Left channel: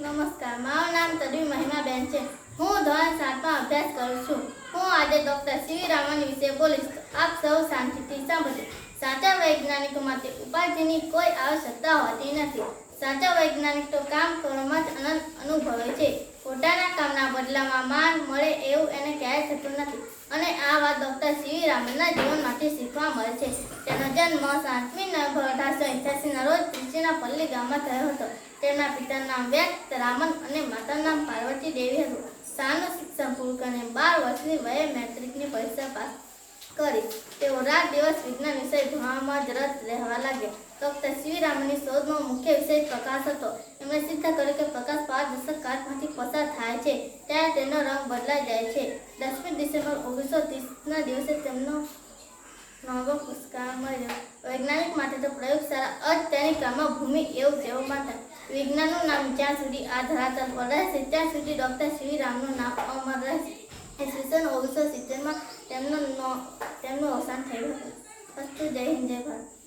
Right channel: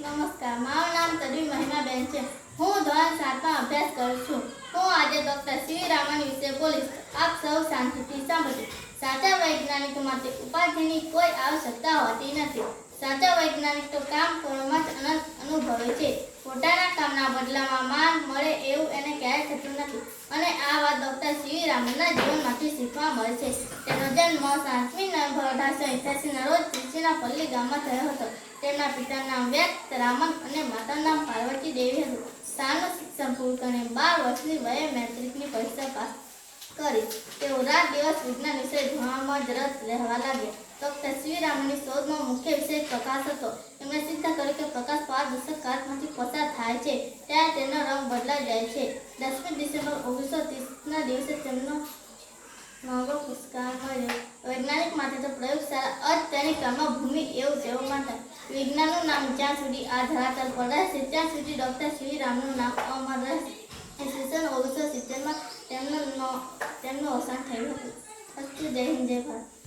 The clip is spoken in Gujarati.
નમસ્કાર, મારું નામ તડવી મહિમાબેન છે. હું ધોરણ સાતમાં અભ્યાસ કરું છું. હું આજે ડૉક્ટર સીવી રામન વિશે બોલીશ. આપ સૌ શાંતિથી સાંભળજો. સાચા વૈજ્ઞાનિકો માટે ઉપાધિની કોઈ આવશ્યકતા હોતી નથી. સાચા વૈજ્ઞાનિકો કામ કરવામાં જ અનંત અનુભવે છે. પોતાના કામના બદલામાં માન મળે એવું એને ક્યારેય થતું નથી. અને આ વાત ડૉક્ટર સીવી રામનના જીવનમાંથી શીખવા મળે છે. તેનો જન્મ સાતમી નવેમ્બર અઢારસો એંઠ્યાસીના રોજ ત્રિચીના પલ્લી ગામમાં થયો હતો. તેમના પિતાનું નામ વ્યક્ત રામન અને માતાનું નામ પાર્વતી દેવી હતું. શાળાનું શિક્ષણ પૂરું કરીને બાર વર્ષની વયે મેટ્રિકની પરીક્ષા પાસ કરી. તેઓ રાત દિવસ વિજ્ઞાન વિષય ભણવામાં જ રસ રહેવા લાગ્યા. ડોક્ટર શ્રી રામની શોધમાં મુખ્ય વિષય પ્રકાશ હતો. એમણે સિદ્ધ કર્યું કે પ્રકાશ પારદર્શક કાચમાંથી પસાર થાય છે, ત્યારે તેનો રંગ બદલાઈ જાય છે. દસમી ડિસેમ્બર ઓગણીસો ત્રીસના દિવસે તેમનો નવો પુરસ્કાર મળ્યો. વૈજ્ઞાનિક માટે તો પ્રયોગશાળા અત્યારની તેની ભૂમિ એવું કહેવામાં થાય. વિજ્ઞાનનું નામ જ્યાં સુધી આ ધરાતલ પર રહેશે, ત્યાં સુધી ડૉક્ટર શ્રી રામનું નામ અમર રહેશે. ઈસવીસન ઓગણીસો સિત્તેરમાં તેમનો તેમનું અવસાન થયું હતું. અસ્તુ જય હિન્દ, જય ભારત.